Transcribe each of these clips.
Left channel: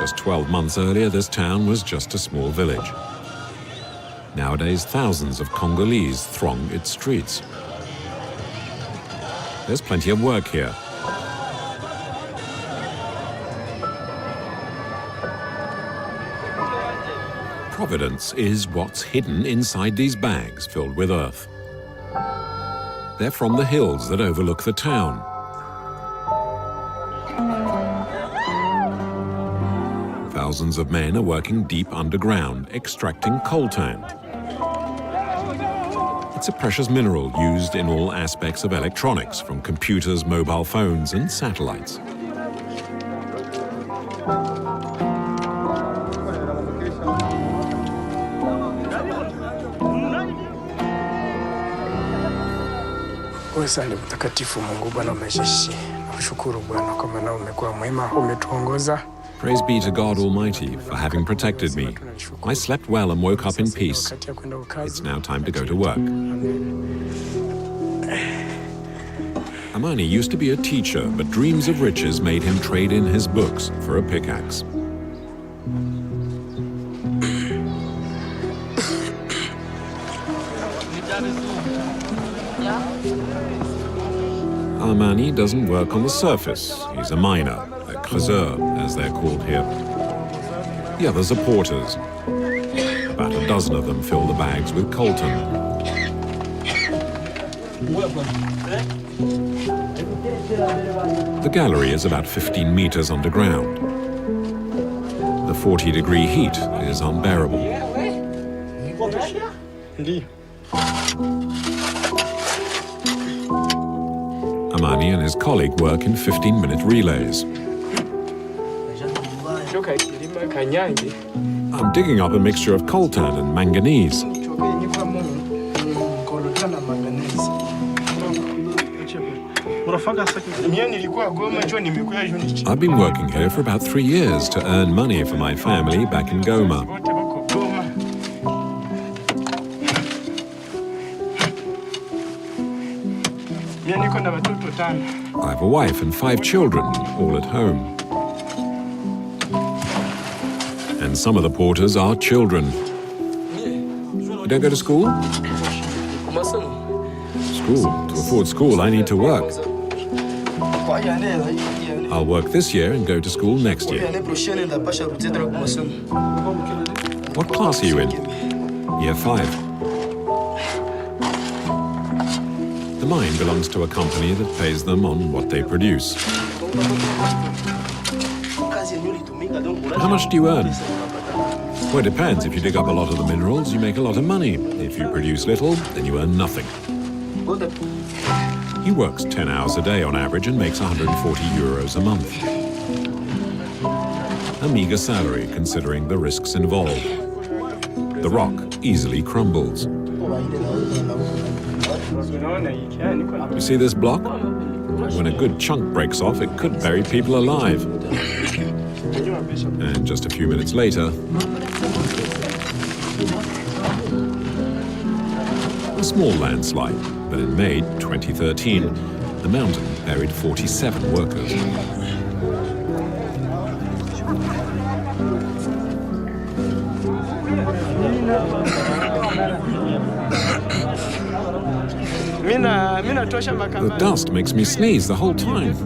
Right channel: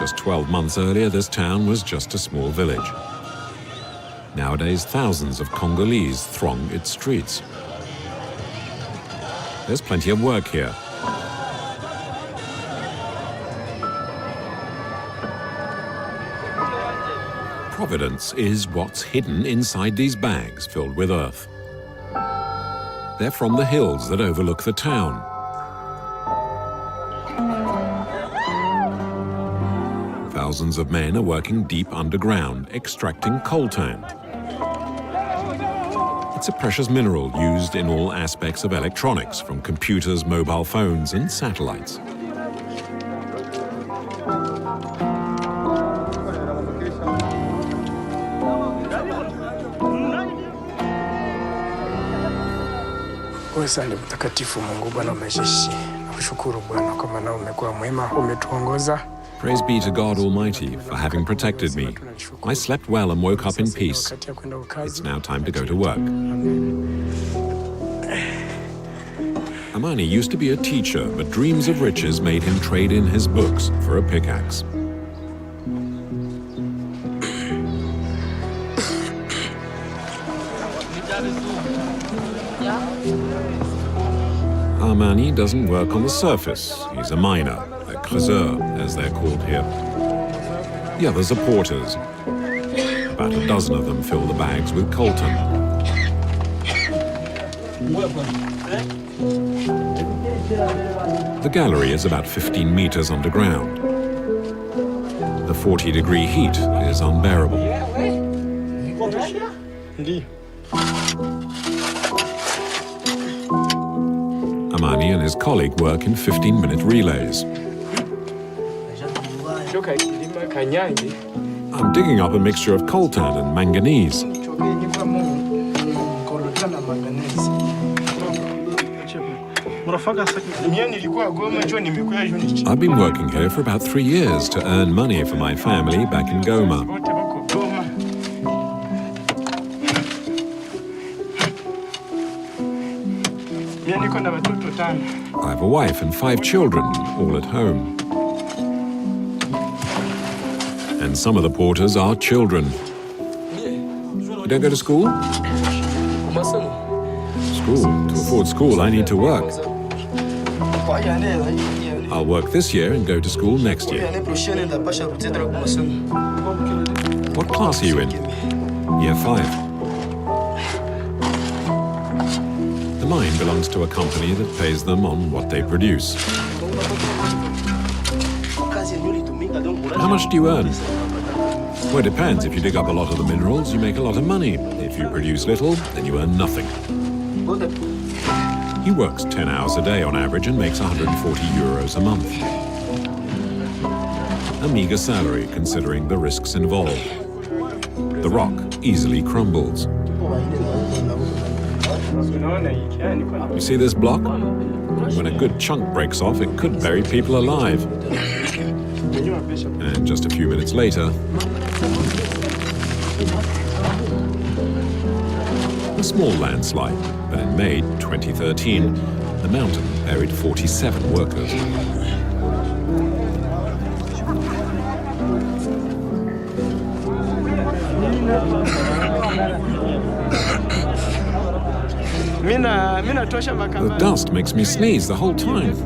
Just 12 months earlier, this town was just a small village. Nowadays, thousands of Congolese throng its streets. There's plenty of work here. Providence is what's hidden inside these bags filled with earth. They're from the hills that overlook the town. Thousands of men are working deep underground, extracting coltan. It's a precious mineral used in all aspects of electronics, from computers, mobile phones, and satellites. Asante mtakatifu Mungu Bwana wa majeshi. Nakushukuru Bwana kwa maana umekuwa mwema, umetuongoza. Praise be to God Almighty for having protected me. I slept well and woke up in peace. It's now time to go to work. Amani used to be a teacher, but dreams of riches made him trade in his books for a pickaxe. Amani doesn't work on the surface. He's a miner, a creuseur, as they're called here. The others are porters. About a dozen of them fill the bags with coltan. The gallery is about 15 meters underground. The 40-degree heat is unbearable. Amani and his colleague work in 15-minute relays. I'm digging up a mixture of coltan and manganese. I've been working here for about 3 years to earn money for my family back in Goma. I have a wife and 5 children, all at home. And some of the porters are children. You don't go to school? School? To afford school, I need to work. I'll work this year and go to school next year. What class are you in? Year 5. The mine belongs to a company that pays them on what they produce. How much do you earn? Well, it depends. If you dig up a lot of the minerals, you make a lot of money. If you produce little, then you earn nothing. He works 10 hours a day on average and makes 140 euros a month. A meager salary considering the risks involved. The rock easily crumbles. You see this block? When a good chunk breaks off, it could bury people alive. And just a few minutes later, a small landslide. But in May 2013, the mountain buried 47 workers. The dust makes me sneeze the whole time.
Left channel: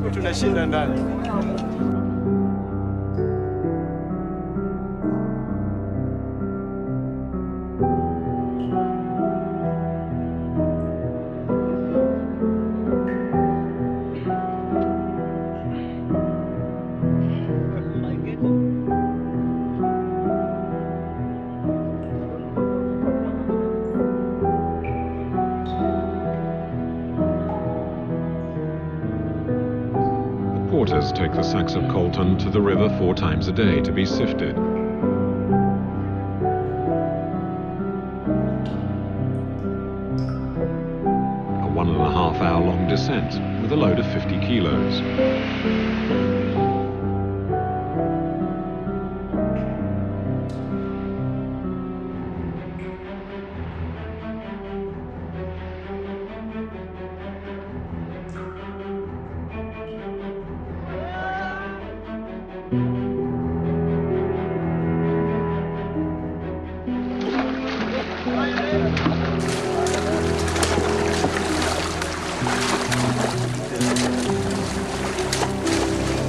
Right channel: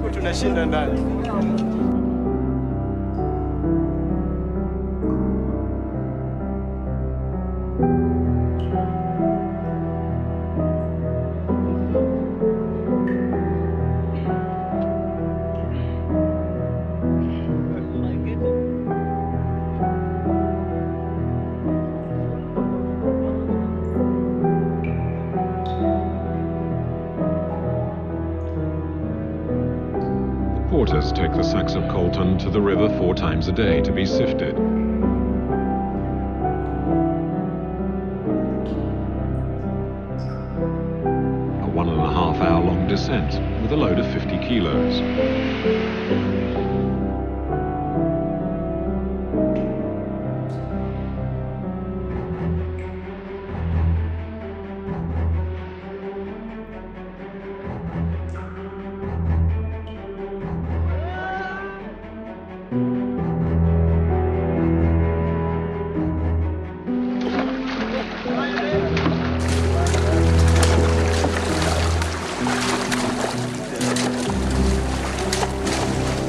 Porters take the sacks of coltan to the river 4 times a day to be sifted. A 1.5 hour long descent with a load of 50 kilos.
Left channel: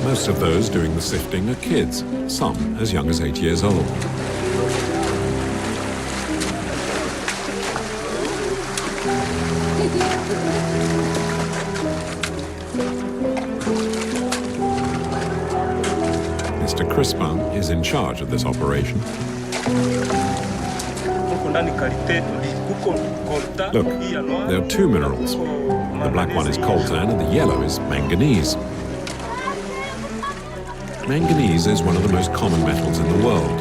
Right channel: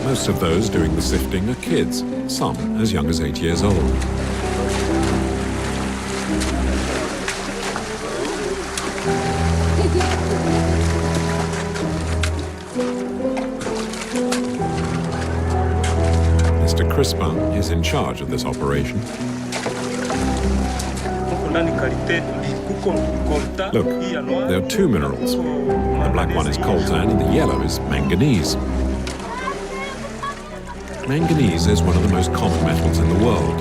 Most of those doing the sifting are kids, some as young as 8 years old. Mr. Crispin is in charge of this operation. Look, there are two minerals. The black one is coltan and the yellow is manganese. Manganese is one of the most common metals in the world.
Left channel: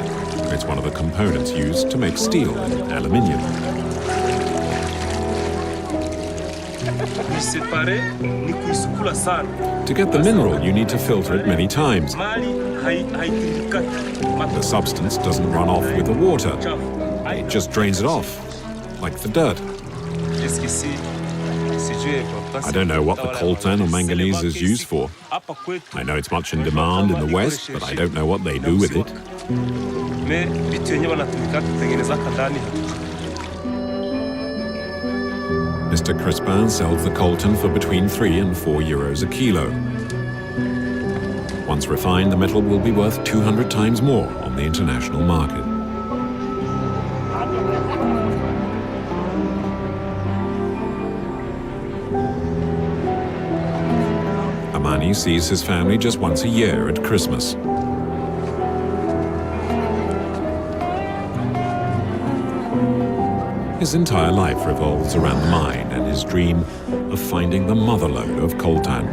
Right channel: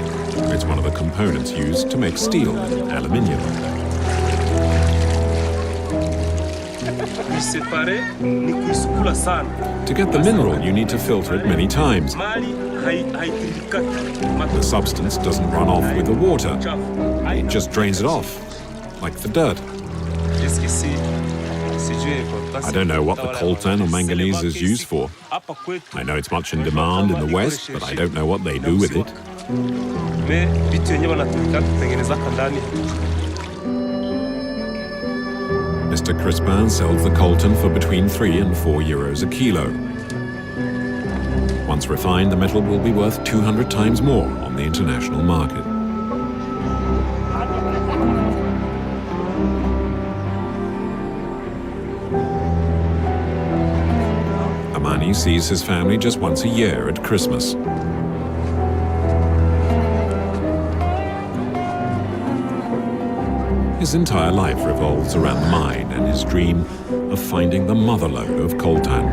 It's one of the components used to make steel and aluminium. To get the mineral, you need to filter it many times. The substance doesn't run off with the water. It just drains it off, like the dirt. I don't know what the coltan or manganese is used for. I know it's much in demand in the West, but I don't know what they do with it. Mr. Crispin sells the coltan for between 3 and 4 euros a kilo. Once refined, the metal will be worth 200 times more on the international market. Amani sees his family just once a year at Christmas. His entire life revolves around the mine and his dream of finding the motherlode of coltan.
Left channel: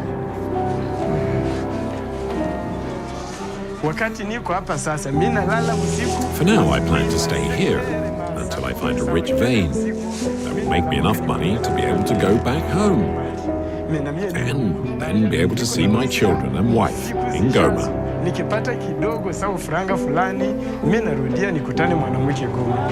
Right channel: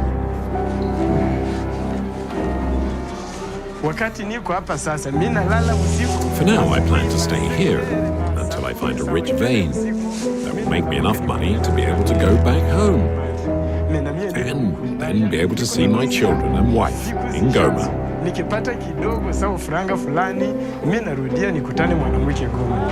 For now, I plan to stay here until I find a rich vein that will make me enough money to be able to go back home and then be able to see my children and wife in Goma. Nikipata kidogo sawa franga fulani, mimi narudia nikutane mwanamke Goma.